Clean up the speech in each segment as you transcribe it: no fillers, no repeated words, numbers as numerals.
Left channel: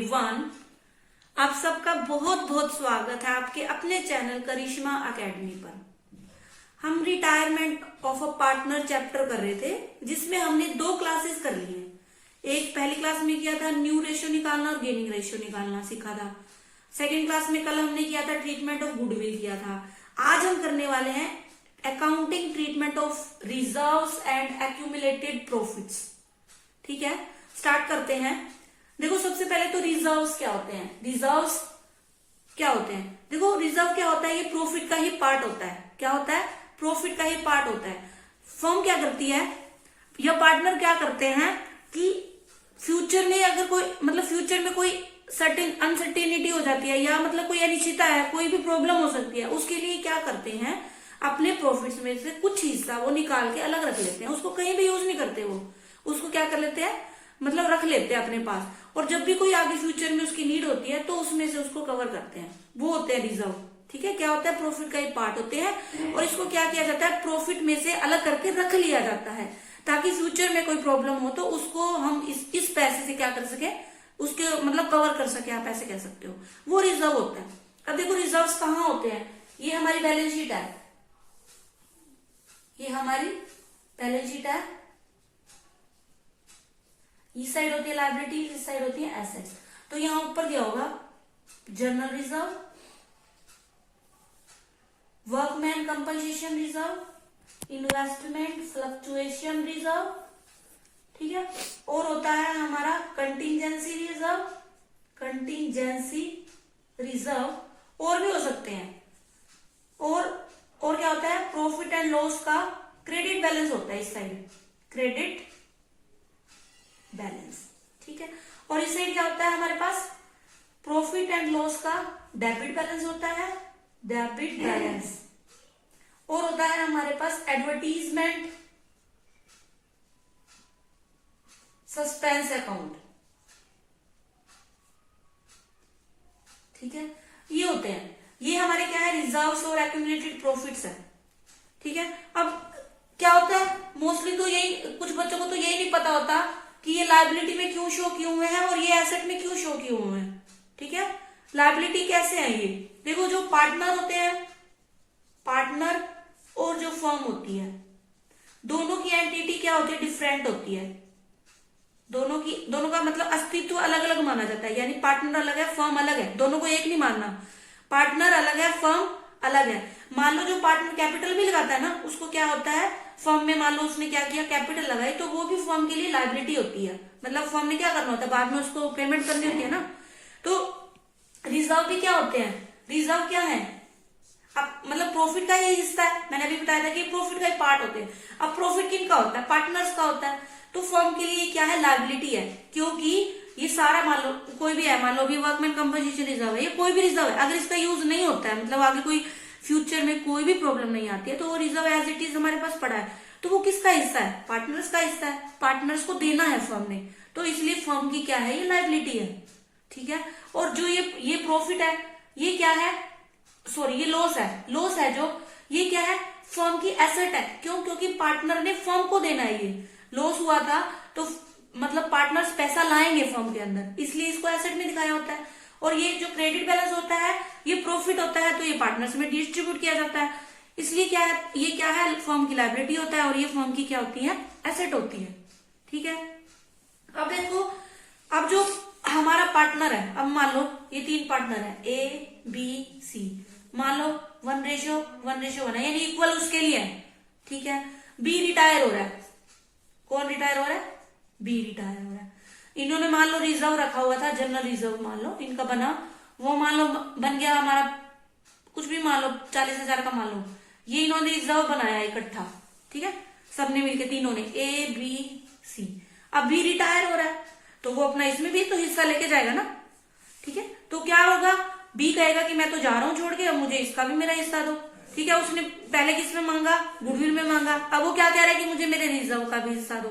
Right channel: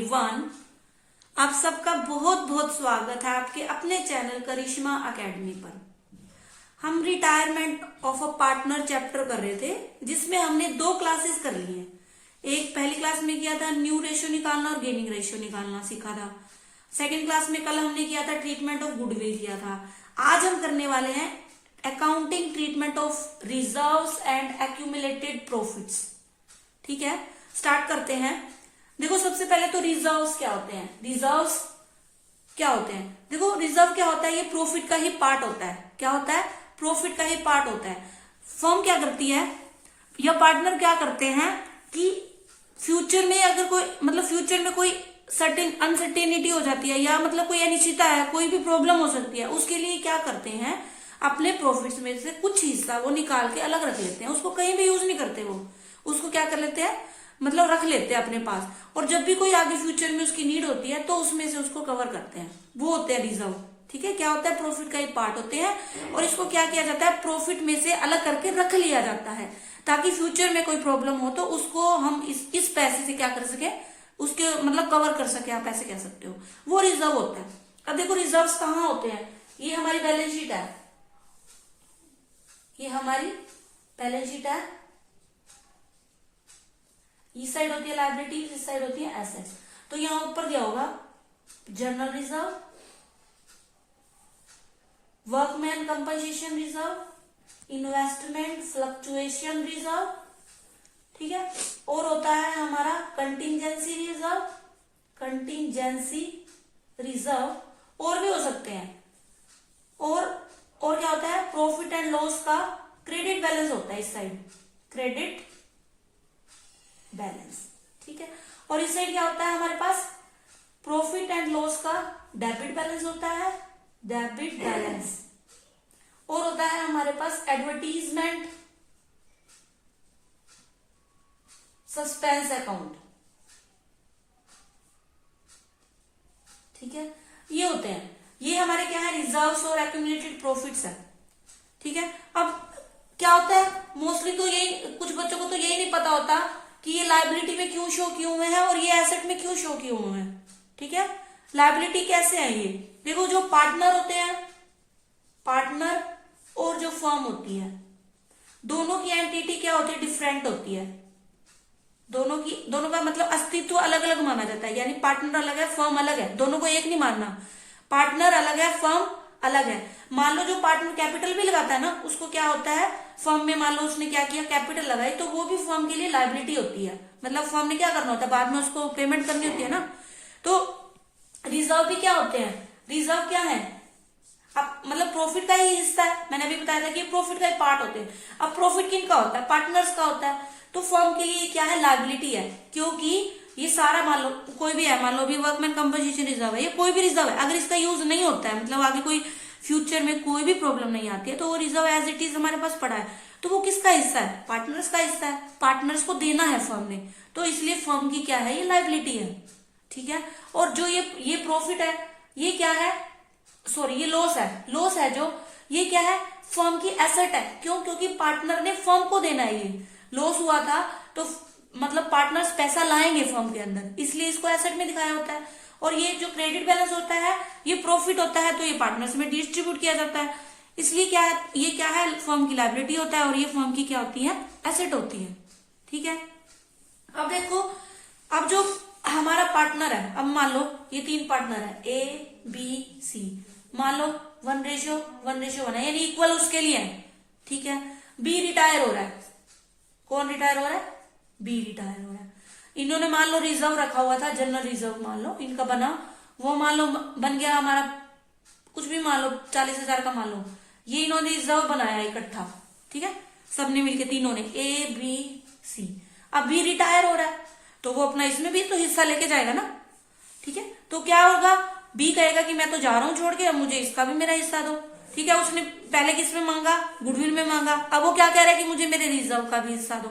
Everyone, आप सबका बहुत बहुत स्वागत है आपके अपने चैनल करिश्मा एकेडमी पर। हम retirement of a partner chapter कर रहे थे, जिसमें हमने 2 क्लासेस कर ली है। एक पहली क्लास में किया था न्यू रेशियो निकालना और गेनिंग रेशियो निकालना सीखा था। सेकेंड क्लास में कल हमने किया था ट्रीटमेंट ऑफ गुडविल किया था। आज हम करने वाले हैं accounting treatment of reserves and accumulated profits. ठीक है, स्टार्ट करते हैं। देखो, सबसे पहले तो रिजर्व्स क्या होते हैं। रिजर्व्स क्या होते हैं? देखो, रिजर्व क्या होता है? ये प्रॉफिट का ही पार्ट होता है। क्या होता है? प्रॉफिट का ही पार्ट होता है। फर्म क्या करती है या पार्टनर क्या करते हैं कि फ्यूचर में अगर कोई फ्यूचर में कोई सर्टेन अनसर्टेनिटी हो जाती है या कोई अनिश्चितता है, कोई भी प्रॉब्लम हो सकती है, उसके लिए क्या करते हैं, अपने प्रॉफिट्स में से कुछ हिस्सा वो निकाल के अलग रख लेते हैं। उसको कहीं भी यूज नहीं करते, वो उसको क्या कर लेते हैं, रख लेते हैं अपने पास। और जब भी कोई आगे फ्यूचर में उसकी नीड होती है तो उसमें से उसको कवर करते हैं। वो होते हैं रिजर्व। ठीक है, क्या होता है? प्रॉफिट का ही पार्ट होते हैं। और इसको क्या किया जाता है, प्रॉफिट में से अलग करके रख लिया जाता है, ताकि फ्यूचर में कोई प्रॉब्लम हो तो उसको हम इस पैसे से क्या कर सके, उसके कवर कर सके, आप ऐसे कह सकते हो। वो रिजर्व होता है। अब देखो, रिजर्व्स कहाँ होते हैं। ये हमारी बैलेंस शीट है, ये हमारी बैलेंस शीट है। इस साइड होती है लायबिलिटी, इस साइड होती है एसेट्स। तो यहां ऊपर दिया होगा general reserve, workman compensation reserve, investment fluctuation reserve. ठीक है, और होता है हमारा कंटिंजेंसी रिजर्व, कंटिंजेंसी रिजर्व। और भी हो सकते हैं। और क्या होता है, प्रॉफिट एंड लॉस का क्रेडिट बैलेंस होता है इस साइड, क्रेडिट बैलेंस। ठीक है, और इस साइड क्या होता है हमारे पास, प्रॉफिट एंड लॉस का डेबिट बैलेंस होता है, डेबिट बैलेंस। और होता है हमारे पास एडवर्टीजमेंट सस्पेंस अकाउंट। ठीक है, ये होते हैं, ये हमारे क्या है, रिजर्व्स और एक्यूमुलेटेड प्रॉफिट्स है। ठीक है, अब क्या होता है, मोस्टली तो यही, कुछ बच्चों को तो यही नहीं पता होता कि ये लायबिलिटी में क्यों शो किए हुए हैं और ये एसेट में क्यों शो किए हुए हैं। ठीक है, लायबिलिटी कैसे है ये देखो, जो पार्टनर होते हैं, पार्टनर और जो फर्म होती है, दोनों की एंटिटी क्या होती है, डिफरेंट होती है। दोनों का अस्तित्व अलग अलग माना जाता है। यानी पार्टनर अलग है, फर्म अलग है, दोनों को एक नहीं मानना। पार्टनर अलग है, फर्म अलग है। मान लो जो पार्टनर कैपिटल भी लगाता है ना, उसको क्या होता है, फर्म में मान लो उसने क्या किया, कैपिटल लगाई, तो वो भी फर्म के लिए लायबिलिटी होती है। फर्म ने क्या करना होता है, बाद में उसको पेमेंट करनी होती है ना। तो रिजर्व भी क्या होते हैं, रिजर्व क्या है, अब प्रॉफिट का ही हिस्सा है। मैंने अभी बताया था कि प्रॉफिट का ही पार्ट होते हैं। अब प्रॉफिट किन का होता है, पार्टनर्स का होता है। तो फर्म के लिए क्या है, लायबिलिटी है, क्योंकि ये सारा मान लो कोई भी है, मान लो भी वर्कमैन कंपनसेशन रिजर्व है, ये कोई भी रिजर्व है, अगर इसका यूज नहीं होता है, आगे कोई फ्यूचर में कोई भी प्रॉब्लम नहीं आती है, तो वो रिजर्व एज इट इज हमारे पास पड़ा है। तो वो किसका हिस्सा है, पार्टनर्स का हिस्सा है। पार्टनर्स को देना है फर्म ने, तो इसलिए फर्म की क्या है, ये लायबिलिटी है। ठीक है, और जो ये प्रॉफिट है, ये क्या है, सॉरी ये लॉस है। लॉस है जो, ये क्या है, फर्म की एसेट है। क्यों? क्योंकि पार्टनर ने फर्म को देना है। ये लॉस हुआ था तो पार्टनर्स पैसा लाएंगे फर्म के अंदर, इसलिए इसको एसेट में दिखाया होता है। और ये जो क्रेडिट बैलेंस होता है, ये प्रॉफिट होता है, तो ये पार्टनर्स में डिस्ट्रीब्यूट किया जाता है। इसलिए क्या है, ये क्या है, फर्म की लायबिलिटी होता है, और ये फर्म की क्या होती है, एसेट होती है। ठीक है, अब देखो, अब जो हमारा पार्टनर है, अब मान लो ये 3 पार्टनर है, ए बी सी, मान लो 1:1 है, यानी इक्वल उसके लिए है। ठीक है, बी रिटायर हो रहा है। कौन रिटायर हो रहा है, बी रिटायर हो रहा है। इन्होंने मान लो रिजर्व रखा हुआ था, जनरल रिजर्व मान लो इनका बना, वो मान लो बन गया हमारा कुछ भी, मान लो 40,000 का मान लो, ये इन्होंने रिजर्व बनाया इकट्ठा। ठीक है, सबने मिलकर, तीनों ने, ए बी सी। अब बी रिटायर हो रहा है, तो वो अपना इसमें भी तो हिस्सा लेके जाएगा ना। ठीक है, तो क्या होगा, बी कहेगा कि मैं तो जा रहा हूं छोड़ के, अब मुझे इसका भी मेरा हिस्सा दो। ठीक है, उसने पहले किसमें मांगा, गुडविल में मांगा, अब वो क्या कह रहा है कि मुझे मेरे रिजर्व का भी हिस्सा दो।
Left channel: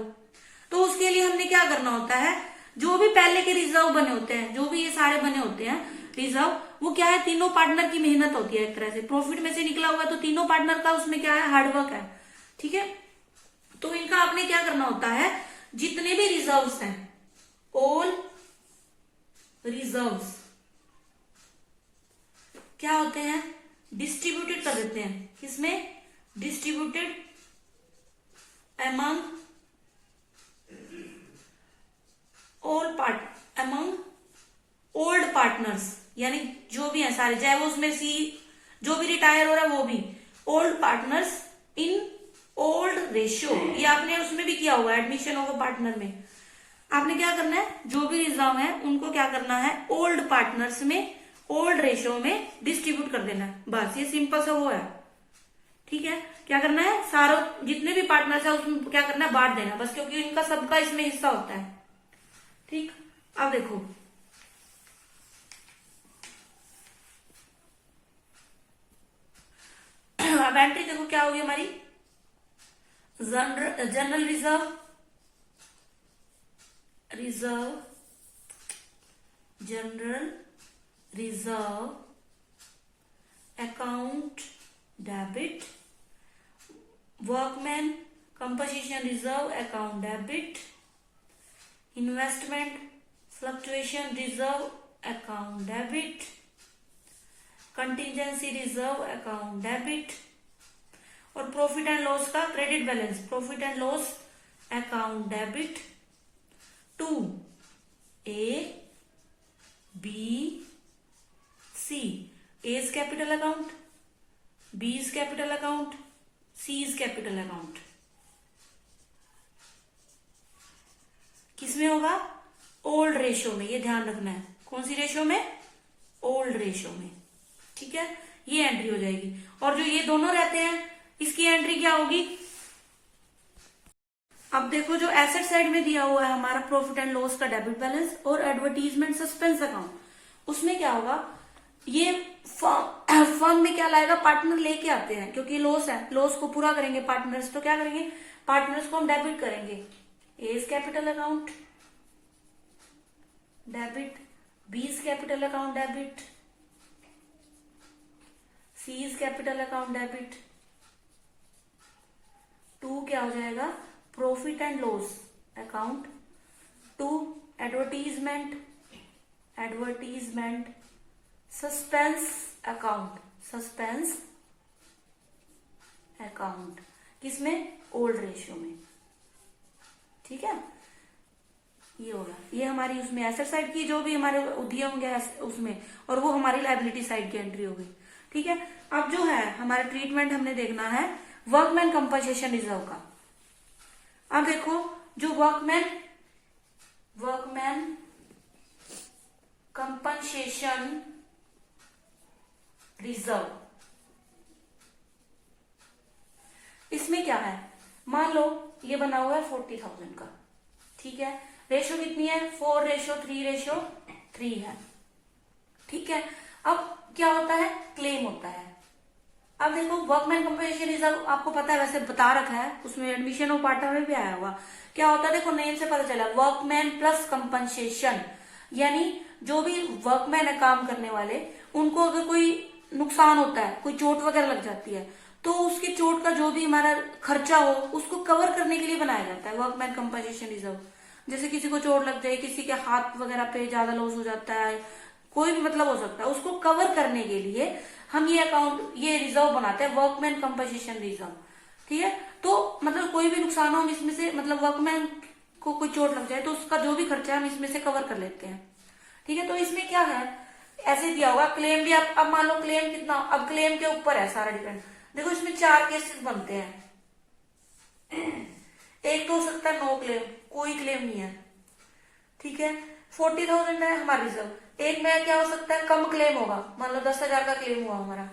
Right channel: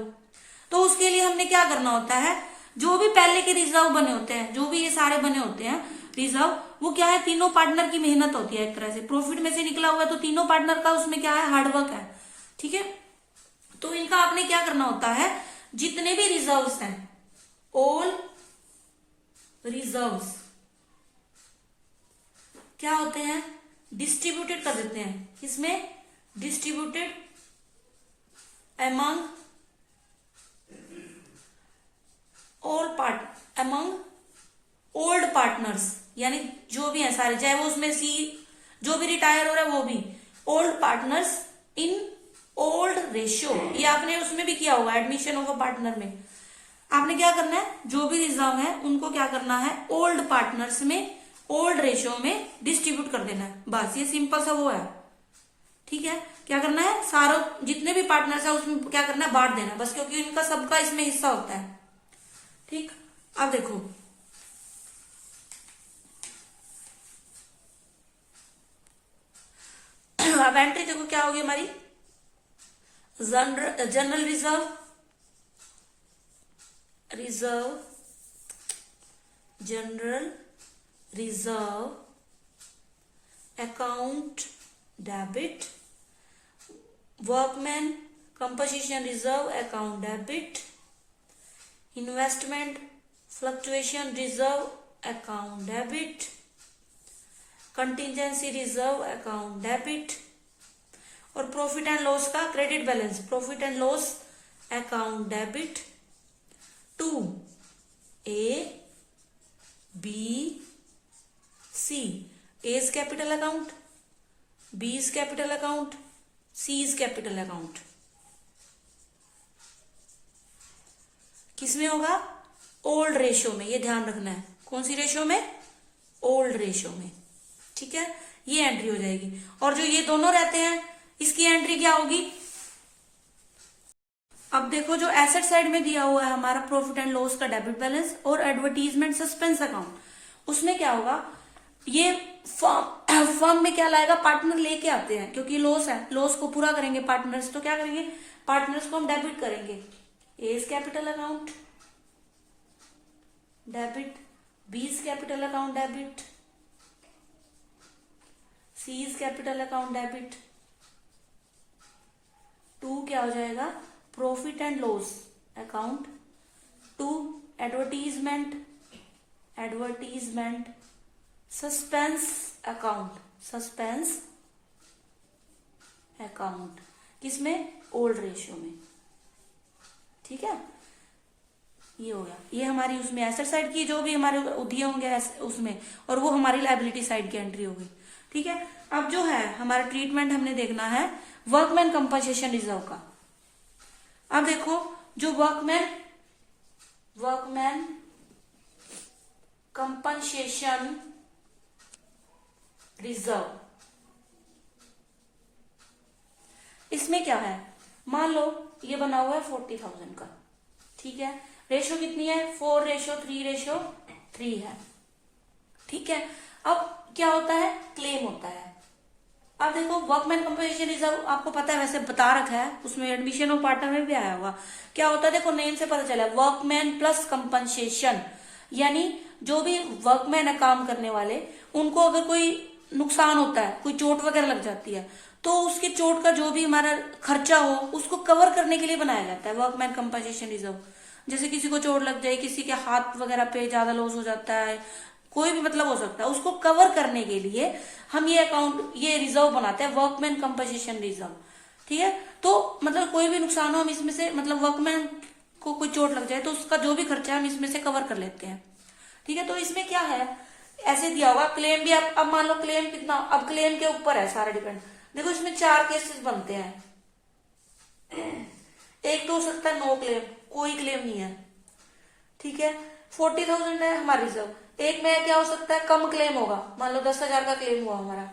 तो उसके लिए हमने क्या करना होता है, जो भी पहले के रिजर्व बने होते हैं, जो भी ये सारे बने होते हैं रिजर्व, वो क्या है, तीनों पार्टनर की मेहनत होती है। एक तरह से प्रॉफिट में से निकला हुआ, तो तीनों पार्टनर का उसमें क्या है, हार्डवर्क है। ठीक है, तो इनका आपने क्या करना होता है, जितने भी रिजर्व्स हैं, ऑल रिजर्व्स क्या होते हैं, डिस्ट्रीब्यूटेड कर देते हैं, किसमें, डिस्ट्रीब्यूटेड अमंग ओल्ड पार्टनर्स, यानी जो भी है सारे, चाहे वो उसमें जो भी रिटायर हो रहा है वो भी old partners in old ratio. ये आपने उसमें भी किया होगा, एडमिशन होगा पार्टनर में, आपने क्या करना है, जो भी रिजर्व है उनको क्या करना है, ओल्ड पार्टनर्स में ओल्ड रेशियो में डिस्ट्रीब्यूट कर देना है, बस ये सिंपल सा वो है। ठीक है, क्या करना है, सारों जितने भी पार्टनर्स है उसमें क्या करना है, बांट देना बस, क्योंकि इनका सबका इसमें हिस्सा होता है। ठीक, अब देखो अब एंट्री देखो क्या होगी हमारी, general reserve account debit, workman composition reserve account debit, investment fluctuation reserve account debit, contingency reserve account debit, और प्रॉफिट एंड लॉस का credit balance, profit and loss account debit to A B C. A is capital account, B is capital account, C is capital account. किसमें होगा, old ratio में, ये ध्यान रखना है, कौन सी रेशियो में, ओल्ड रेशियो में। ठीक है, ये एंट्री हो जाएगी। और जो ये दोनों रहते हैं इसकी एंट्री क्या होगी, अब देखो जो एसेट साइड में दिया हुआ है हमारा प्रॉफिट एंड लॉस का डेबिट बैलेंस और एडवर्टीजमेंट सस्पेंस अकाउंट, उसमें क्या होगा, ये फर्म में क्या लाएगा, पार्टनर लेके आते हैं, क्योंकि लॉस है, लॉस को पूरा करेंगे पार्टनर्स, तो क्या करेंगे, पार्टनर्स को हम डेबिट करेंगे। A is capital account debit, B is capital account debit, C is capital account debit, to क्या हो जाएगा, profit and loss account, to advertisement suspense account, किसमें, ओल्ड रेशियो में। ठीक है, ये होगा, ये हमारी उसमें एसेट साइड की जो भी हमारे दिए होंगे उसमें, और वो हमारी लायबिलिटी साइड की एंट्री होगी। ठीक है, अब जो है हमारा ट्रीटमेंट हमने देखना है वर्कमैन कंपनसेशन रिजर्व का। अब देखो जो वर्कमैन कंपनसेशन रिजर्व, इसमें क्या है, मान लो ये बना हुआ है 40,000 का। ठीक है, रेशो कितनी है, 4:3 है। ठीक है, अब क्या होता है, क्लेम होता है। अब देखो वर्कमैन कंपनसेशन रिजर्व आपको पता है, वैसे बता रखा है, उसमें एडमिशन और पार्टनर में भी आया होगा। क्या होता है, देखो नेम से पता चला, वर्कमैन प्लस कंपनसेशन, यानी जो भी वर्कमैन है काम करने वाले, उनको अगर कोई नुकसान होता है, कोई चोट वगैरह लग जाती है, तो उसके चोट का जो भी हमारा खर्चा हो उसको कवर करने के लिए बनाया जाता है वर्कमैन कंपनसेशन रिजर्व। जैसे किसी को चोट लग जाए, किसी के हाथ वगैरह पे ज्यादा लॉस हो जाता है, कोई भी मतलब हो सकता है, उसको कवर करने के लिए हम ये रिजर्व बनाते हैं, वर्कमैन कंपनसेशन रिजर्व। ठीक है, तो मतलब कोई भी नुकसान हो हम इसमें से, मतलब वर्कमैन को कोई चोट लग जाए तो उसका जो भी खर्चा है हम इसमें से कवर कर लेते हैं। ठीक है, तो इसमें क्या है, ऐसे दिया होगा क्लेम भी। अब मान लो क्लेम कितना, अब क्लेम के ऊपर है सारा डिपेंड। देखो इसमें 4 केसेस बनते हैं, एक तो हो सकता है नो क्लेम, कोई क्लेम नहीं है। ठीक है, 40,000 है हमारा रिजर्व, एक में क्या हो सकता है, कम क्लेम होगा, मान लो 10,000 का क्लेम हुआ हमारा,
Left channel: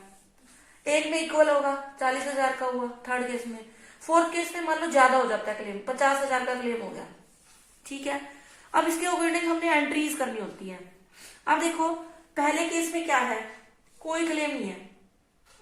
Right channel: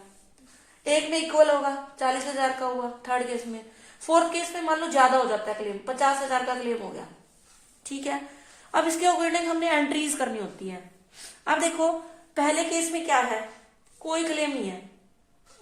एक में इक्वल होगा 40,000 का हुआ थर्ड केस में, फोर्थ केस में मान लो ज्यादा हो जाता है क्लेम, 50,000 का क्लेम हो गया। ठीक है, अब इसके अकॉर्डिंग हमने एंट्रीज करनी होती है। अब देखो पहले केस में क्या है, कोई क्लेम नहीं है,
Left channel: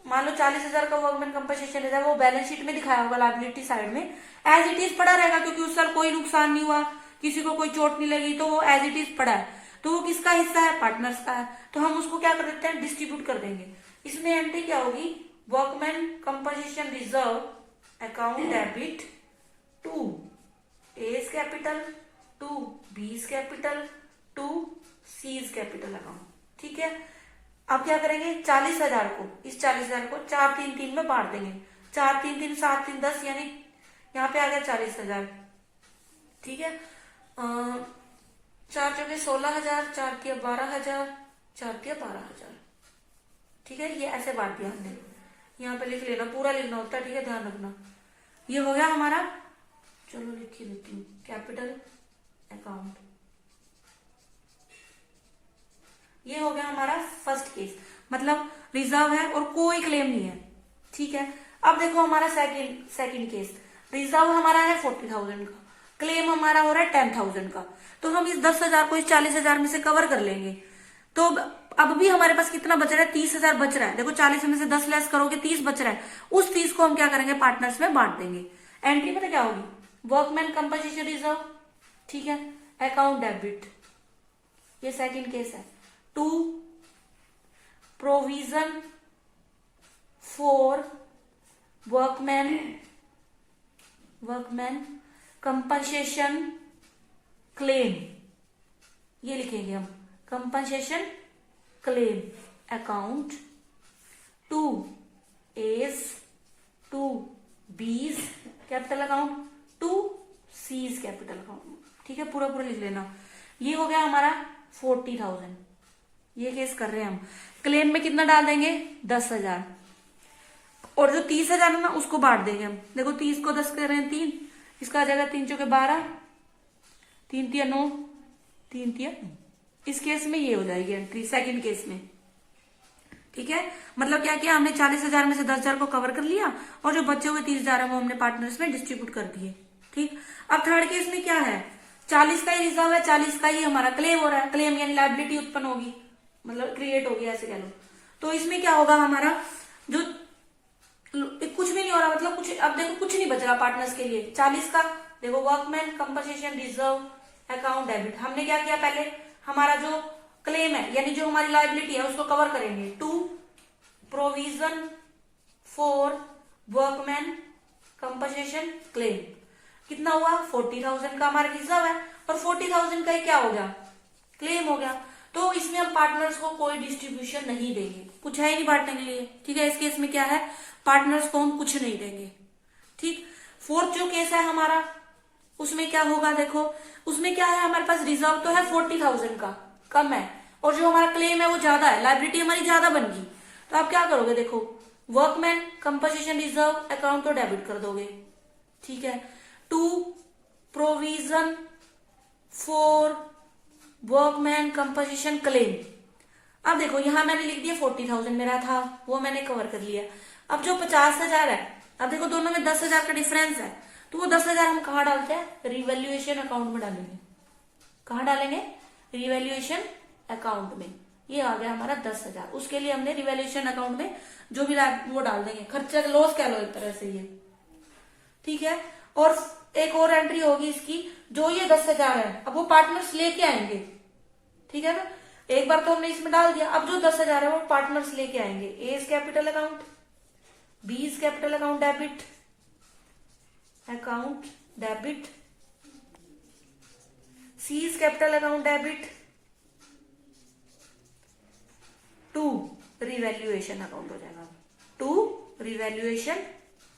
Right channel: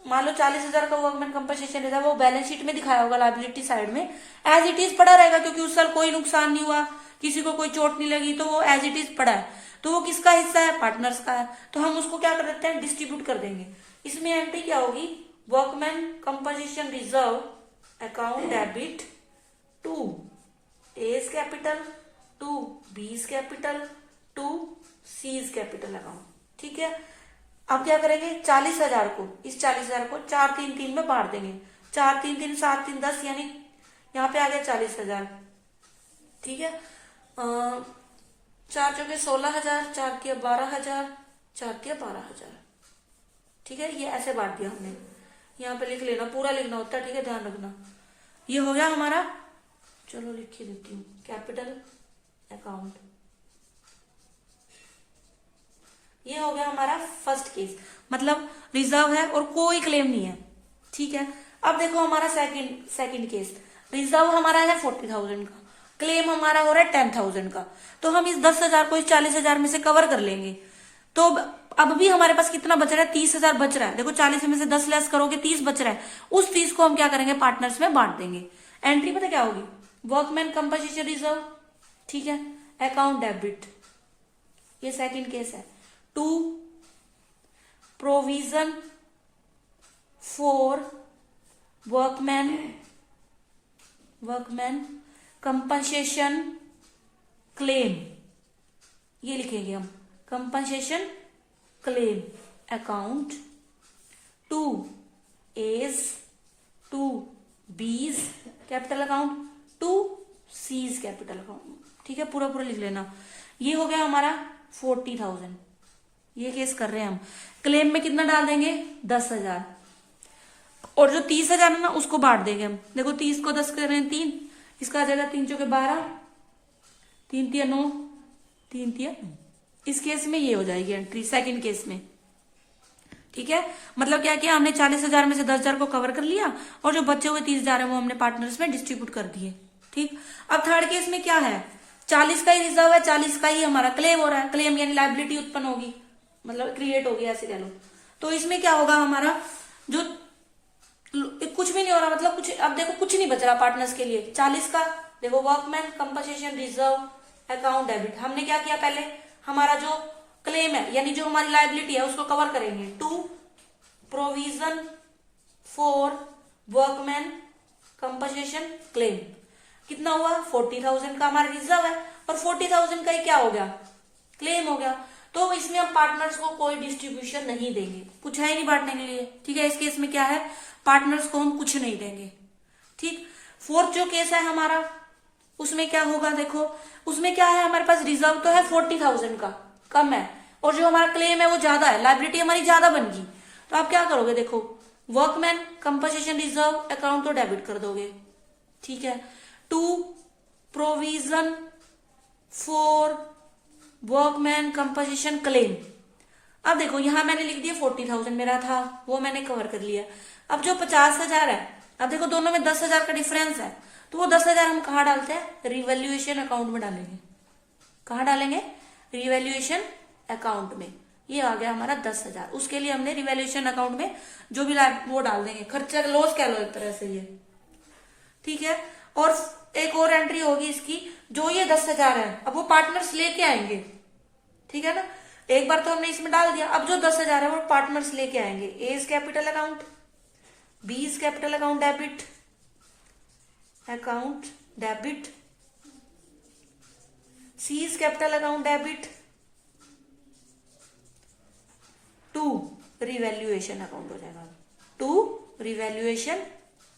मान लो 40,000 का वर्कमैन कंपनसेशन रिजर्व, वो बैलेंस शीट में दिखाया होगा लायबिलिटी साइड में, एज इट इज पड़ा रहेगा, क्योंकि उस साल कोई नुकसान नहीं हुआ, किसी को कोई चोट नहीं लगी, तो वो एज इट इज पड़ा है। तो वो किसका हिस्सा है, पार्टनर्स का है, तो हम उसको क्या कर देते हैं, डिस्ट्रीब्यूट कर देंगे। इसमें एंट्री क्या होगी, workman compensation reserve account debit to A capital, to B capital, to C's capital account. ठीक है, अब क्या करेंगे, 40,000 को, इस 40,000 को 4 3 3 में बांट देंगे। 4 3 3 7 3 10, यानी यहाँ पे आ गया 40,000। ठीक है, 4 चौके 16,000, 4 तिया 12,000, 4 तिया 12,000। ठीक है, ये ऐसे बांट दिया हमने। यहाँ पे लिख लेना, पूरा लिखना होता है। ठीक है, ध्यान रखना। ये हो गया हमारा, चलो लिख ही देती हूँ, कैपिटल अकाउंट। ये हो गया हमारा फर्स्ट केस, मतलब रिजर्व है और कोई क्लेम नहीं है। ठीक है, अब देखो हमारा सेकंड केस, रिजर्व हमारा है 40,000 का, क्लेम हमारा हो रहा है 10,000 का। तो हम इस 10,000 को इस 40,000 में से कवर कर लेंगे। तो अब भी हमारे पास कितना बच रहा है, 30,000 बच रहा है। देखो 40 में से 10 लेस करोगे 30 बच रहा है। उस 30 को हम क्या करेंगे, पार्टनर्स में बांट देंगे। एंट्री पता क्या होगी, वर्कमैन कंपनसेशन रिजर्व। ठीक है, अकाउंट डेबिट, ये सेकंड केस है। To provision for workman compensation claim, ये लिखेंगे हम, compensation claim account. To A's, to B's capital account, to C's capital account. ठीक है, पूरा पूरा लिख लेना। ये हो गया हमारा 40,000। ये केस कर रहे हैं हम। क्लेम में कितना डाल देंगे, 10,000, और जो 30,000 है ना उसको बांट देंगे हम। देखो 30 को 10 कर रहे हैं 3, इसका आ जाएगा 3 चौके 12, 3 तिया 9, 3 तिया 9। इस केस में ये हो जाएगी एंट्री, सेकंड केस में। ठीक है, मतलब क्या किया हमने, 40,000 में से 10,000 को कवर कर लिया, और जो बचे हुए 30,000 है वो हमने पार्टनर्स में डिस्ट्रीब्यूट कर दिए। ठीक, अब थर्ड केस में क्या है, 40 का ही रिजर्व है, 40 का ही हमारा क्लेम हो रहा है। क्लेम यानी लायबिलिटी उत्पन्न होगी, मतलब क्रिएट होगी, ऐसे कह लो। तो इसमें क्या होगा हमारा, जो कुछ भी नहीं हो रहा, मतलब कुछ, अब देखो कुछ नहीं बच रहा पार्टनर्स के लिए। 40 का देखो, workman compensation reserve account debit, हमने क्या किया, पहले हमारा जो क्लेम है यानी जो हमारी लायबिलिटी है उसको कवर करेंगे। To provision for workman compensation claim, कितना हुआ, 40,000 का हमारा रिजर्व है, और 40,000 का ही क्या हो गया, क्लेम हो गया। तो इसमें हम पार्टनर्स को कोई डिस्ट्रीब्यूशन नहीं देंगे, कुछ है ही नहीं बांटने के लिए। ठीक है, इस केस में क्या है, पार्टनर्स को हम कुछ नहीं देंगे। ठीक, फोर्थ जो केस है हमारा, उसमें क्या होगा, देखो उसमें क्या है, हमारे पास रिजर्व तो है 40,000 का, कम है, और जो हमारा क्लेम है वो ज्यादा है, लायबिलिटी हमारी ज्यादा बन गई। तो आप क्या करोगे, देखो वर्कमैन कंपनसेशन रिजर्व अकाउंट तो डेबिट कर दोगे। ठीक है, to provision for workman compensation claim, अब देखो यहां मैंने लिख दिया 40,000 मेरा था, वो मैंने कवर कर लिया। अब जो 50,000 है, अब देखो दोनों में 10,000 का डिफरेंस है, तो वो 10,000 हम कहाँ डालते हैं, रिवैल्यूएशन अकाउंट में डालेंगे। कहाँ डालेंगे, रिवैल्यूएशन अकाउंट में। ये आ गया हमारा 10,000, उसके लिए हमने रिवैल्यूएशन अकाउंट में जो भी वो डाल देंगे, खर्चा लॉस कह लो एक तरह से ये। ठीक है, और एक और एंट्री होगी इसकी, जो ये 10,000 है अब वो पार्टनर्स लेके आएंगे। ठीक है ना, एक बार तो हमने इसमें डाल दिया, अब जो 10,000 है वो पार्टनर्स लेके आएंगे। A is capital account, B is capital account debit, C is capital account debit, to revaluation account हो जाएगा। टू रिवैल्यूएशन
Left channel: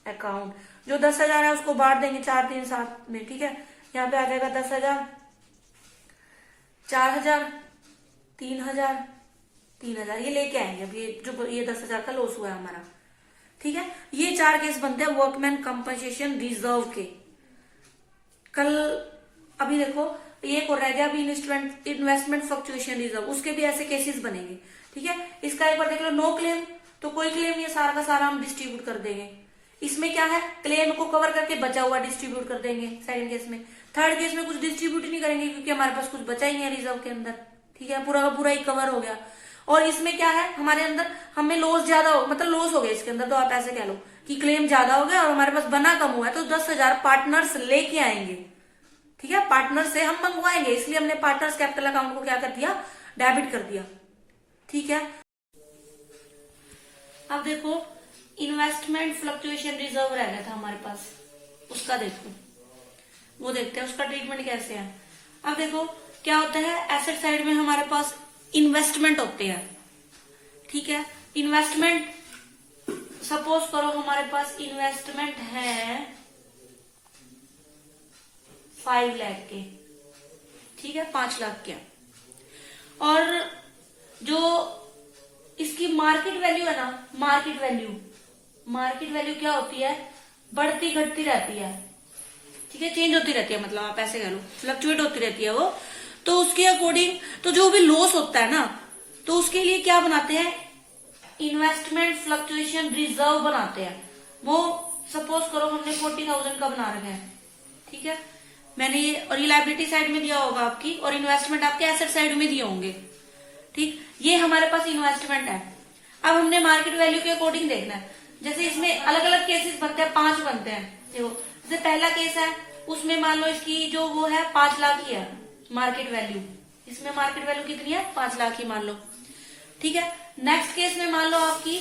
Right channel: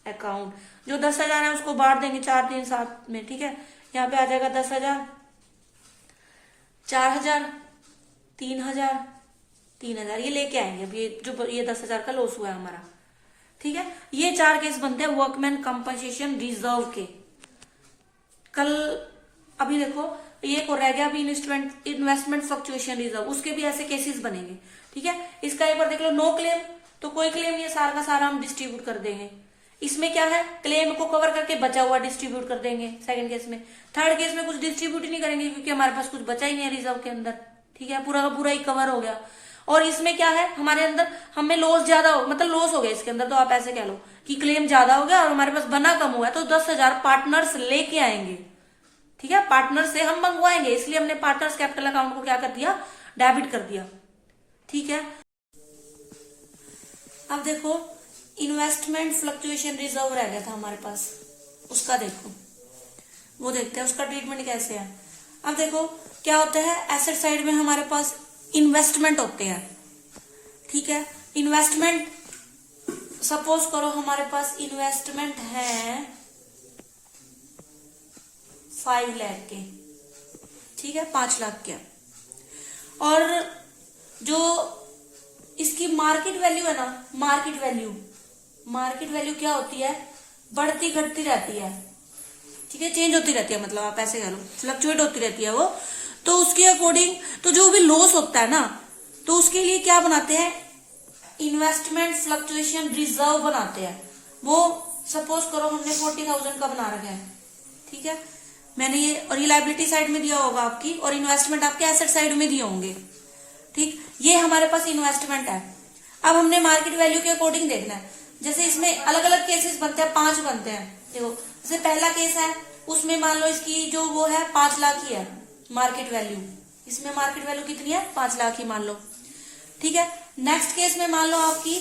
अकाउंट, जो 10,000 है उसको बांट देंगे 4 3 7 में। ठीक है, यहाँ पे आ जाएगा 10,000, 4,000, 3,000, 3,000, ये लेके आएंगे। अब ये जो ये 10,000 का लॉस हुआ है हमारा। ठीक है, ये 4 केस बनते हैं वर्कमैन कंपनसेशन रिजर्व के। कल अभी देखो ये को रह गया, अभी इन्वेस्टमेंट फ्लक्चुएशन रिजर्व, उसके भी ऐसे केसेस बनेंगे। ठीक है, इसका एक बार देख लो, नो क्लेम तो कोई क्लेम नहीं है, सारा का सारा हम डिस्ट्रीब्यूट कर देंगे। इसमें क्या है, क्लेम को कवर करके बचा हुआ डिस्ट्रीब्यूट कर देंगे सेकंड केस में। थर्ड केस में कुछ डिस्ट्रीब्यूट ही नहीं करेंगे क्योंकि हमारे पास कुछ बचा ही नहीं है रिजर्व के अंदर। ठीक है, पूरा का पूरा ही कवर हो गया। और इसमें क्या है, हमारे अंदर हमें लॉस ज्यादा हो, मतलब लॉस हो गया इसके अंदर, तो आप ऐसे कह लो कि क्लेम ज्यादा हो गया और हमारे पास बना कम हुआ है, तो 10,000 पार्टनर्स लेके आएंगे। ठीक है, पार्टनर से हम मंगवाएंगे, इसलिए हमने पार्टनर्स कैपिटल अकाउंट को क्या कर दिया, डेबिट कर दिया। ठीक है, अब देखो इन्वेस्टमेंट फ्लक्चुएशन रिजर्व रह गया था हमारे पास, उसका देखो वो देखते हैं उसका ट्रीटमेंट कैसे है। अब देखो क्या होता है, एसेट साइड में हमारे पास इन्वेस्टमेंट होते हैं, ठीक है। इन्वेस्टमेंट सपोज करो हमारे पास इन्वेस्टमेंट है 5 लाख के, ठीक है, 5 लाख के। और जो इसकी मार्केट वैल्यू है ना, मार्केट वैल्यू क्या होती है, बढ़ती घटती रहती है, ठीक है, चेंज होती रहती है, मतलब आप ऐसे कह लो फ्लक्चुएट होती रहती है वो। तो उसके अकॉर्डिंग तो जो भी लॉस होता है ना, तो उसके लिए क्या बनाते हैं, इन्वेस्टमेंट फ्लक्चुएशन रिजर्व बनाते हैं। वो सपोज करो हमने 40,000 का बना रखा है, ठीक है, मैंने ये, और ये लायबिलिटी साइड में दिया होगा आपकी, और इन्वेस्टमेंट आपके एसेट साइड में दिए होंगे, ठीक। ये हमारे पास इन्वेस्टमेंट है। अब हमने मार्केट वैल्यू के अकॉर्डिंग देखना है। जैसे इसमें अलग अलग केसेस बनते हैं, 5 बनते हैं। देखो जैसे पहला केस है, उसमें मान लो इसकी जो वो है 5 लाख ही है मार्केट वैल्यू, इसमें मार्केट वैल्यू कितनी है, 5 लाख ही मान लो, ठीक है। नेक्स्ट केस में मान लो आपकी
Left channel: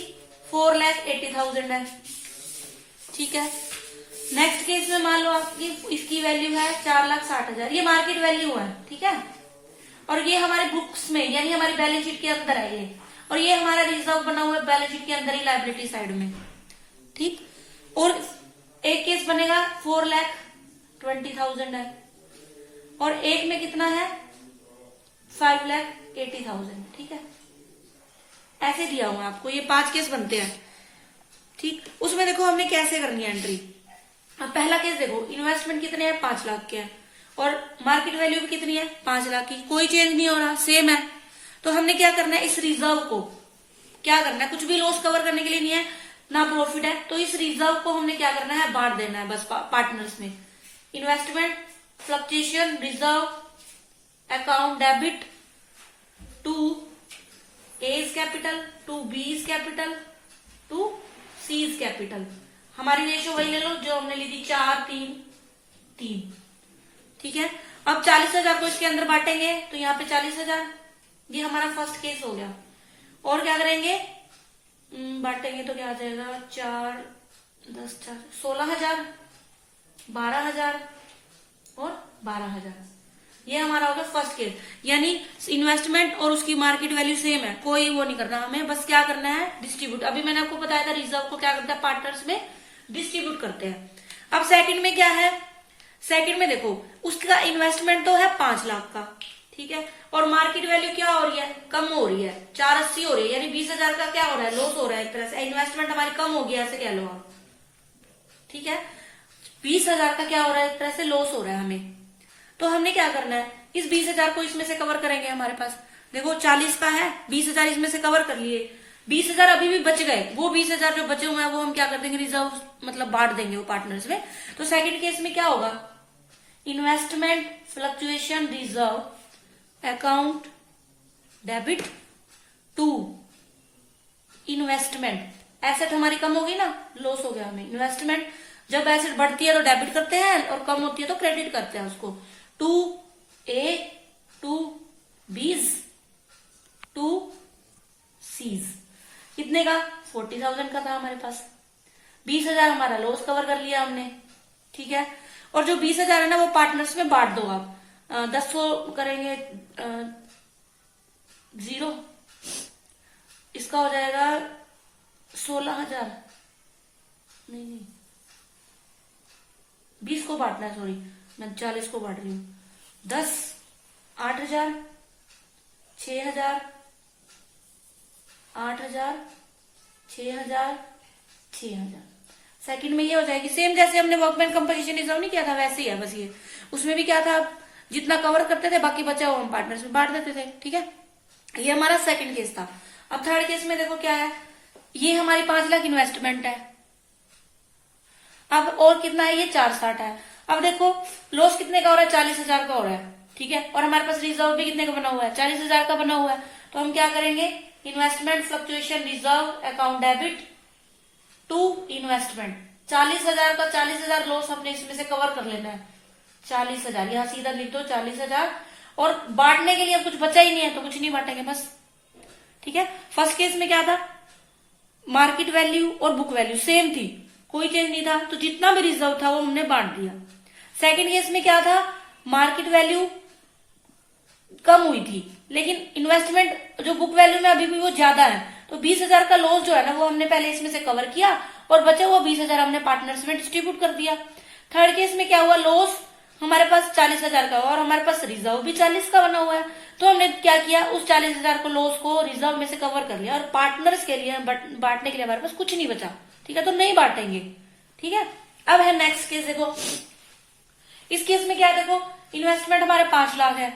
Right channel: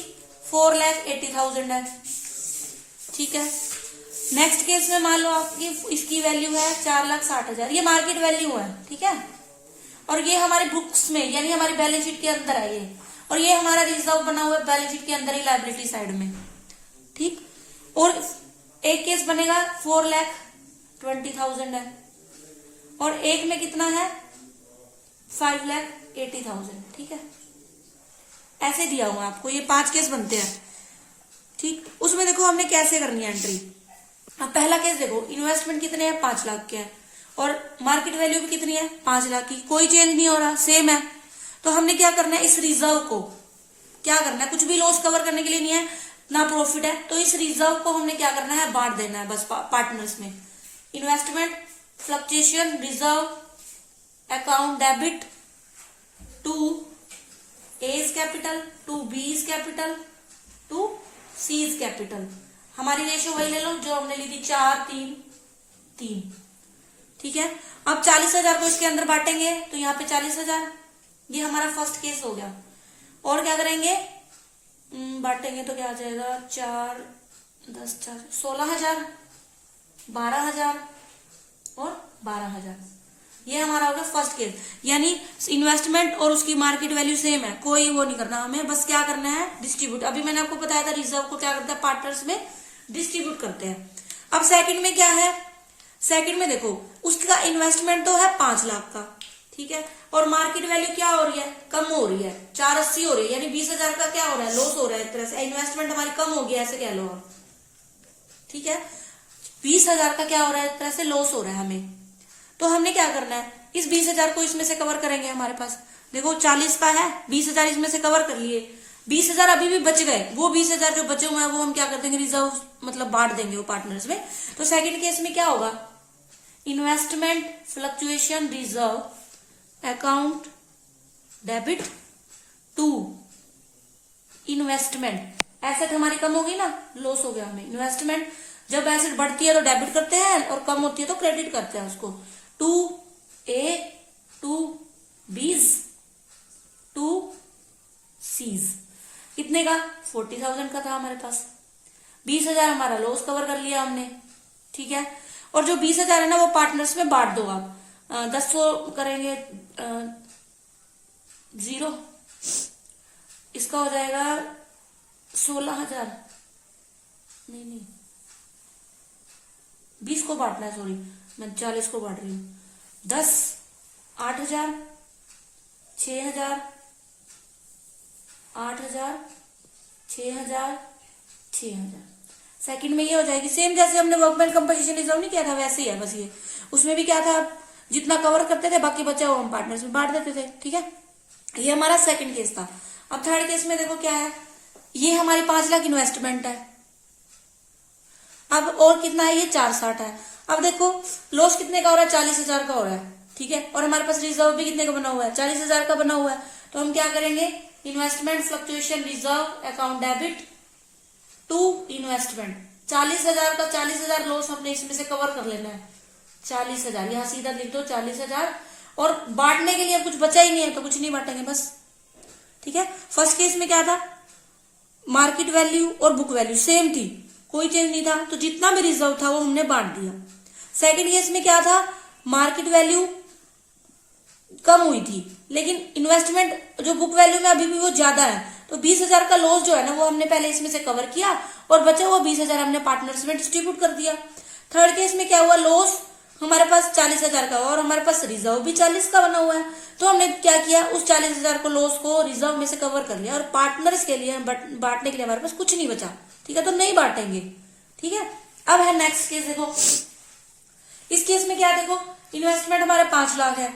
4,80,000 है, ठीक है। नेक्स्ट केस में मान लो आपकी इसकी वैल्यू है 4,60,000, ये मार्केट वैल्यू है, ठीक है। और ये हमारे बुक्स में यानी हमारी बैलेंस शीट के अंदर है ये, और ये हमारा रिजर्व बना हुआ है बैलेंस शीट के अंदर ही लायबिलिटी साइड में, ठीक। और एक केस बनेगा 4,20,000 है, और एक में कितना है 5,80,000, ठीक है। ऐसे दिया हुआ आपको, ये 5 केस बनते हैं, ठीक। उसमें देखो हमने कैसे करनी है एंट्री। अब पहला केस देखो, इन्वेस्टमेंट कितने हैं, 5 लाख के है, और मार्केट वैल्यू भी कितनी है, 5 लाख की, कोई चेंज नहीं हो रहा, सेम है। तो हमने क्या करना है, इस रिजर्व को क्या करना है, कुछ भी लॉस कवर करने के लिए नहीं है, ना प्रॉफिट है, तो इस रिजर्व को हमने क्या करना है, बांट देना है बस पार्टनर्स में। Investment fluctuation reserve account debit to A's capital, to B's capital, to C's capital. हमारी रेशियो वही ले लो जो हमने ली थी, 4-3-3, ठीक है। अब 40,000 को इसके अंदर बांटेंगे, तो यहाँ पे 40,000, ये हमारा फर्स्ट केस हो गया। और क्या करेंगे, बांटेंगे तो क्या आ जाएगा, 4, 10, 4, 16,000, 12,000 और 12,000, ये हमारा होगा फर्स्ट केस। यानी इन्वेस्टमेंट और उसकी मार्केट वैल्यू सेम है, कोई वो नहीं करना, हमें बस क्या करना है, डिस्ट्रीब्यूट। अभी मैंने आपको बताया था रिजर्व को क्या करता है, पार्टनर्स में डिस्ट्रीब्यूट करते हैं। अब सेकंड में क्या है, सेकंड में देखो उसका इन्वेस्टमेंट तो है 5 लाख का, ठीक है, और मार्केट वैल्यू क्या हो रही है, कम हो रही है, 480 हो रही है, यानी 20,000 का क्या हो रहा है, लॉस हो रहा है एक तरह से, इन्वेस्टमेंट हमारी कम हो गया ऐसे कह लो आप, ठीक है। 20,000 का क्या हो रहा है, एक तरह से लॉस हो रहा है हमें। तो हमने क्या करना है, इस 20,000 को इसमें से कवर करेंगे। हमारे पास देखो 40 का है, 20,000 इसमें से कवर कर लिए, 20,000 अभी भी बच गए, वो 20,000 जो बचे हुए हैं वो हम क्या कर देंगे, रिजर्व मतलब बांट देंगे वो पार्टनर्स में। तो सेकंड केस में क्या होगा, investment fluctuation reserve account debit to investment, asset हमारी कम होगी ना, लॉस हो गया हमें। इन्वेस्टमेंट जब एसेट बढ़ती है तो डेबिट करते हैं, और कम होती है तो क्रेडिट करते हैं उसको। To A, to B's, to seize, कितने का, 40,000 का था हमारे पास। 20,000 हमारा लॉस कवर कर लिया हमने, ठीक है। और जो 20,000 है ना वो पार्टनर्स में बांट दो आप, 10 करेंगे 0, इसका हो जाएगा 16,000, नहीं 20 को बांटना है, सॉरी मैं 40 को बांट रही हूँ, 10, 8,000, 6,000, 8,000, 6,000, 6,000। सेकंड में ये हो जाएगी सेम जैसे हमने वर्कमैन कंपोजिशन रिजर्व नहीं किया था, वैसे ही है बस ये। उसमें भी क्या था, जितना कवर करते थे बाकी बचा हुआ हम पार्टनर्स में बांट देते थे, ठीक है। ये हमारा सेकंड केस था। अब थर्ड केस में देखो क्या है, ये हमारी 5 लाख इन्वेस्टमेंट है, अब और कितना है, ये 460 है। अब देखो लॉस कितने का हो रहा है, 40,000 का हो रहा है, ठीक है। और हमारे पास रिजर्व भी कितने का बना हुआ है, 40,000 का बना हुआ है। तो हम क्या करेंगे, investment fluctuation reserve account debit to investment, 40,000 का 40,000 लॉस हमने इसमें से कवर कर लेना है, 40,000 यहाँ सीधा लिख दो 40,000। और बांटने के लिए कुछ बचा ही नहीं है तो कुछ नहीं बांटेंगे बस, ठीक है। फर्स्ट केस में क्या था, मार्केट वैल्यू और बुक वैल्यू सेम थी, कोई चेंज नहीं था, तो जितना भी रिजर्व था वो हमने बांट दिया। सेकंड केस में क्या था, मार्केट वैल्यू कम हुई थी, लेकिन इन्वेस्टमेंट जो बुक वैल्यू में अभी भी वो ज्यादा है, तो 20,000 का लॉस जो है ना वो हमने पहले इसमें से कवर किया और बचा हुआ 20,000 हमने पार्टनर्स में डिस्ट्रीब्यूट कर दिया। थर्ड केस में क्या हुआ, लॉस हमारे पास 40,000 का और हमारे पास रिजर्व भी 40 का बना हुआ है, तो हमने क्या किया, उस 40,000 को लॉस को रिजर्व में से कवर कर लिया और पार्टनर्स के लिए बांटने के लिए हमारे पास कुछ नहीं बचा। ठीक है, तो नहीं बांटेंगे। ठीक है, अब है नेक्स्ट केस। देखो इस केस में क्या है, देखो इन्वेस्टमेंट हमारे 5 लाख है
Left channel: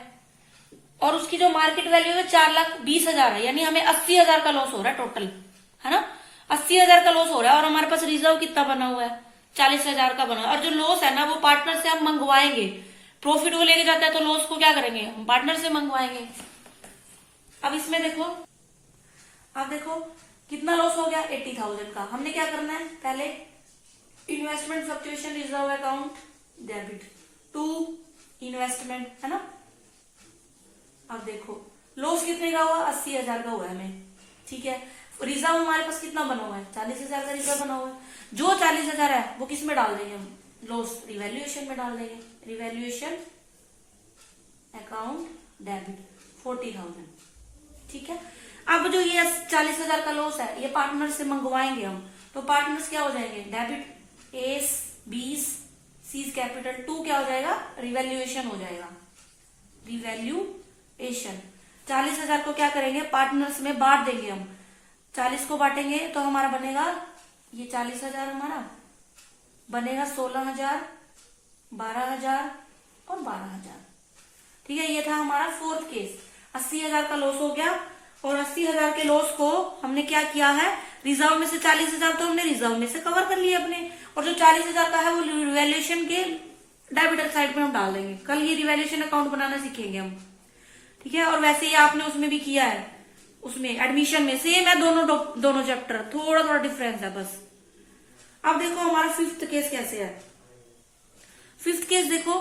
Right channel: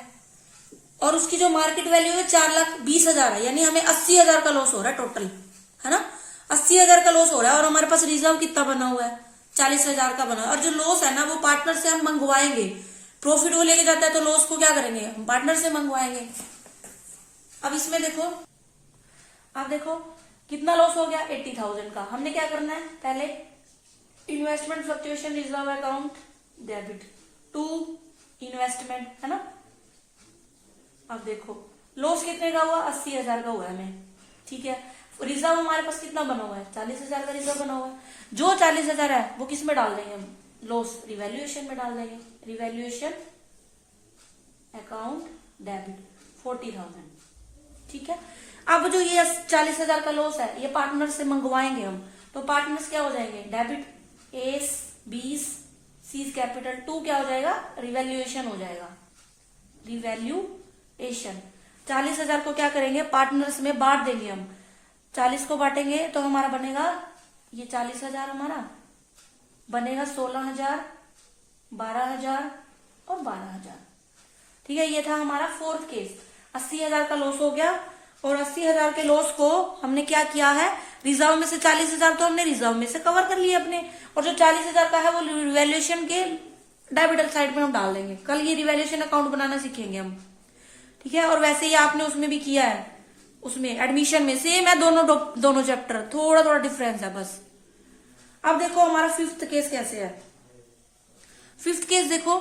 और उसकी जो मार्केट वैल्यू है 4,20,000 है, यानी हमें 80,000 का लॉस हो रहा है टोटल, है ना। 80,000 का लॉस हो रहा है और हमारे पास रिजर्व कितना बना हुआ है, 40,000 का बना। और जो लॉस है ना वो पार्टनर से हम मंगवाएंगे, प्रॉफिट वो लेके जाता है तो लॉस को क्या करेंगे, हम पार्टनर से मंगवाएंगे। अब इसमें देखो, अब देखो कितना लॉस हो गया, 80,000 का। हमने क्या करना है, पहले investment fluctuation reserve account debit to investment, है ना। अब देखो लॉस कितने का हुआ, 80,000 का हुआ है हमें। ठीक है, रिजर्व हमारे पास कितना बना हुआ है, 40,000 का रिजर्व बना हुआ है। जो 40,000 है वो किस में डाल देंगे हम, लॉस रिवैल्यूएशन में डाल देंगे, रिवैल्यूएशन अकाउंट डेबिट 40,000। ठीक है, अब जो ये 40,000 का लॉस है ये पार्टनर से मंगवाएंगे हम, तो पार्टनर्स क्या हो जाएंगे, debit A's 20 C's capital to क्या हो जाएगा, रिवैल्यूएशन हो जाएगा, रिवैल्यूएशन। 40,000 को क्या करेंगे, पार्टनर्स में बांट देंगे हम। 40 को बांटेंगे तो हमारा बनेगा, ये 40,000 हमारा बनेगा 16,000, 12,000 और 12,000। ठीक है, ये था हमारा फोर्थ केस। 80,000 का लॉस हो गया और 80,000 के लॉस को हमने क्या किया है, रिजर्व में से 40,000 तो हमने रिजर्व में से कवर कर लिया अपने, और जो 40,000 का है वो रिवैल्यूएशन के डेबिटर साइड में हम डाल देंगे। कल ये रिवैल्यूएशन अकाउंट बनाना सीखेंगे हम। ठीक है, और वैसे ही आपने उसमें भी किया है, उसमें एडमिशन में सेम है, दोनों चैप्टर, थोड़ा थोड़ा डिफरेंस है बस। अब देखो हमारा फिफ्थ केस कैसे है। फिफ्थ केस देखो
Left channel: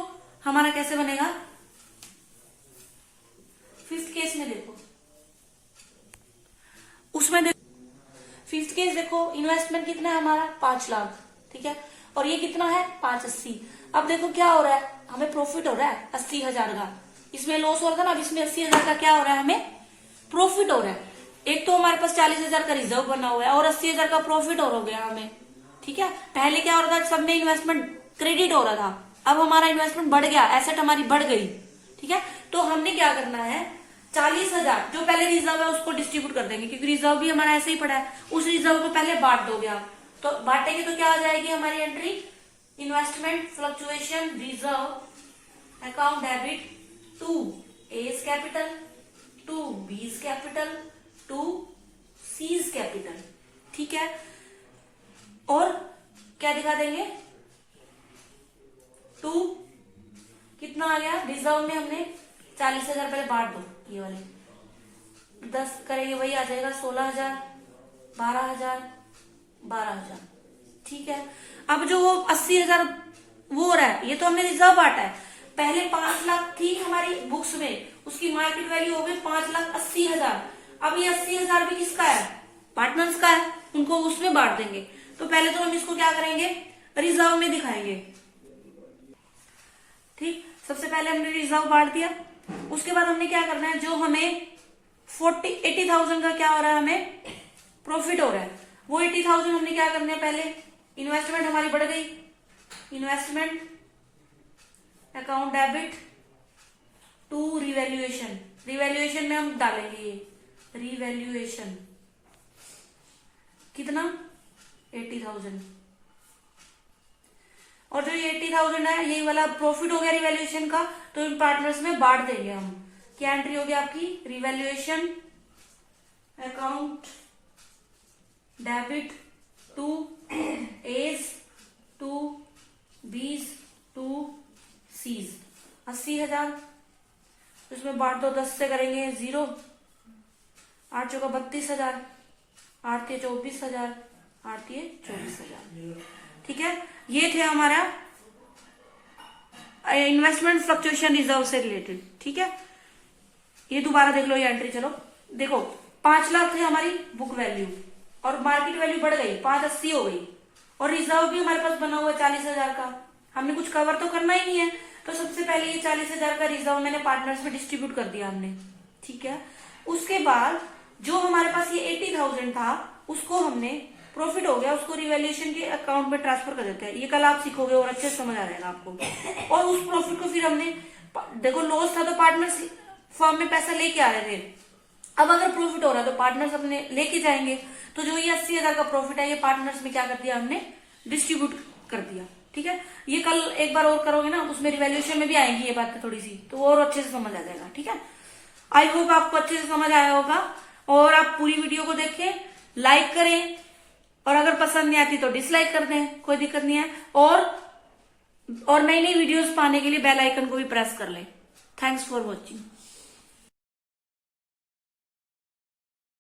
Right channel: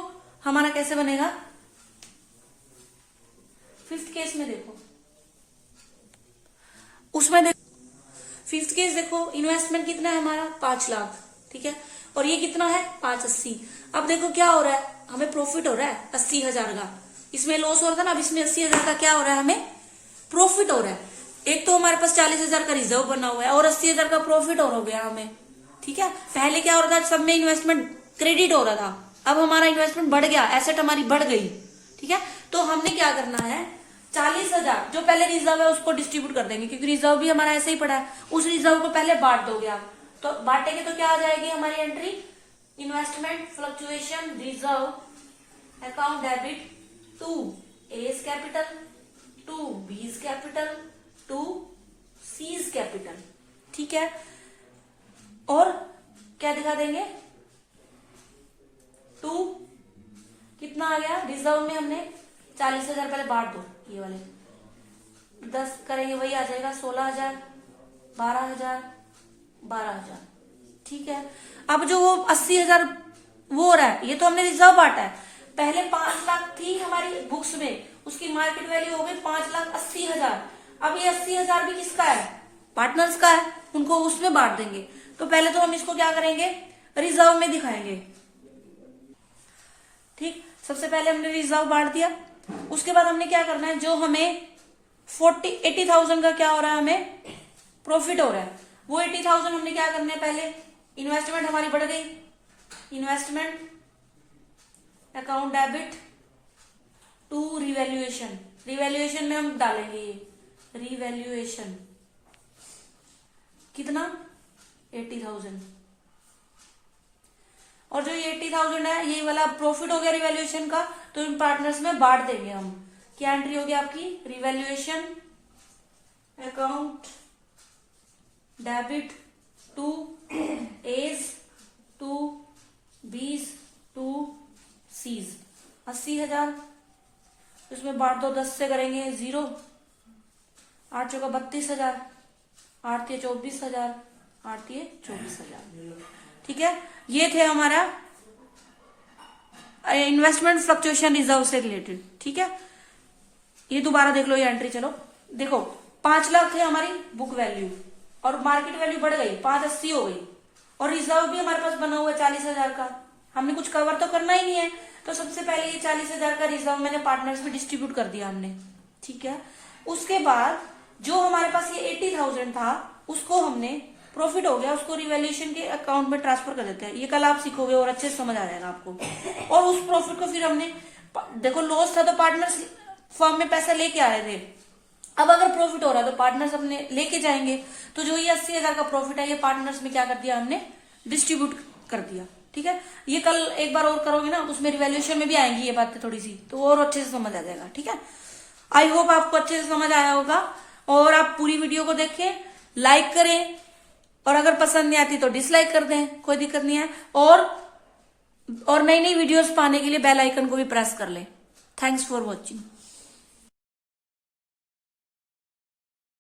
हमारा कैसे बनेगा। फिफ्थ केस में देखो, उसमें देखो फिफ्थ केस देखो, इन्वेस्टमेंट कितना है हमारा, 5 लाख। ठीक है, और ये कितना है, 580। अब देखो क्या हो रहा है, हमें प्रॉफिट हो रहा है 80,000 का, इसमें लॉस हो रहा था ना, अब इसमें 80,000 का क्या हो रहा है, हमें प्रॉफिट हो रहा है। एक तो हमारे पास 40,000 का रिजर्व बना हुआ है और 80,000 का प्रॉफिट हो गया हमें। ठीक है, पहले क्या हो रहा था, सब में इन्वेस्टमेंट क्रेडिट हो रहा था, अब हमारा इन्वेस्टमेंट बढ़ गया, एसेट हमारी बढ़ गई। ठीक है, तो हमने क्या करना है, 40,000 जो पहले रिजर्व है उसको डिस्ट्रीब्यूट कर देंगे, क्योंकि रिजर्व भी हमारा ऐसे ही पड़ा है। उस रिजर्व को पहले बांट दोगे आप, तो बांटेंगे तो क्या आ जाएगी हमारी entry, investment fluctuation reserve account debit to A's capital to B's capital to C's capital. ठीक है, और क्या दिखा देंगे, टू कितना आ गया, रिजर्व में हमने 40,000 पहले बांट दो, ये वाले 10 करेंगे वही आ जाएगा 16,000, 12,000, 12,000। ठीक है, अब जो वो 80,000 वो हो रहा है, ये तो हमने रिजर्व बांटा है। पहले 5 लाख थी हमारी बुक्स में, उसकी मार्केट वैल्यू हो गई 5,80,000। अब ये 80,000 भी किसका है, पार्टनर्स का है, उनको उसमें बांट देंगे। तो पहले तो हम इसको क्या करेंगे, रिजर्व में दिखाएंगे। ठीक, सबसे पहले हमने रिजर्व बांट दिया, उसके बाद हमने क्या करना है, जो हमें 80,000 का क्या हो रहा है, हमें प्रॉफिट हो रहा है, वो 80,000 हमने क्या करना है, पहले इन्वेस्टमेंट हमारी बढ़ गई, investment account debit to revaluation, revaluation में हम डालेंगे ये रिवैल्यूएशन कितना, 80,000। और जो ये 80,000 है ये वाला प्रॉफिट हो गया रिवैल्यूएशन का, तो इन पार्टनर्स में बांट देंगे हम। क्या एंट्री होगी आपकी, revaluation account debit to A's to B's to C's 80,000, उसमें बांट दो, 10 से करेंगे 0, 8 चौका 32,000, 8 तिये 24,000, 8 तिये 24,000। ठीक है, ये थे हमारा इन्वेस्टमेंट फ्लक्चुएशन रिजर्व से रिलेटेड। ठीक है, ये दोबारा देख लो ये एंट्री। चलो देखो 5 लाख थे हमारी बुक वैल्यू और मार्केट वैल्यू बढ़ गई 580 हो गई, और रिजर्व भी हमारे पास बना हुआ 40,000 का, हमने कुछ कवर तो करना ही नहीं है, तो सबसे पहले ये 40,000 का रिजर्व मैंने पार्टनर्स में डिस्ट्रीब्यूट कर दिया हमने, ठीक है। उसके बाद जो हमारे पास ये 80,000 था उसको हमने प्रॉफिट हो गया, उसको रिवैल्यूएशन के अकाउंट में ट्रांसफर कर देते हैं। ये कल आप सीखोगे और अच्छे से समझ आ जाएगा आपको। और उस प्रॉफिट को फिर हमने, देखो लॉस था तो पार्टनर्स फर्म में पैसा लेके आ रहे थे, अब अगर प्रॉफिट हो रहा है तो पार्टनर्स अपने लेके जाएंगे। तो जो ये 80,000 का प्रॉफिट है ये पार्टनर्स में क्या कर दिया हमने, डिस्ट्रीब्यूट कर दिया, ठीक है। ये कल एक बार और करोगे ना, उसमें रिवैल्यूएशन में भी आएंगी ये बातें थोड़ी सी, तो और अच्छे से समझ आ जाएगा, ठीक है। आई होप आपको अच्छे से समझ आया होगा, और आप पूरी वीडियो को देखें, लाइक करें, और अगर पसंद नहीं आती तो डिसलाइक कर दें, कोई दिक्कत नहीं है। और नई नई वीडियोस पाने के लिए बेल आइकन को भी प्रेस कर लें। Thanks for watching.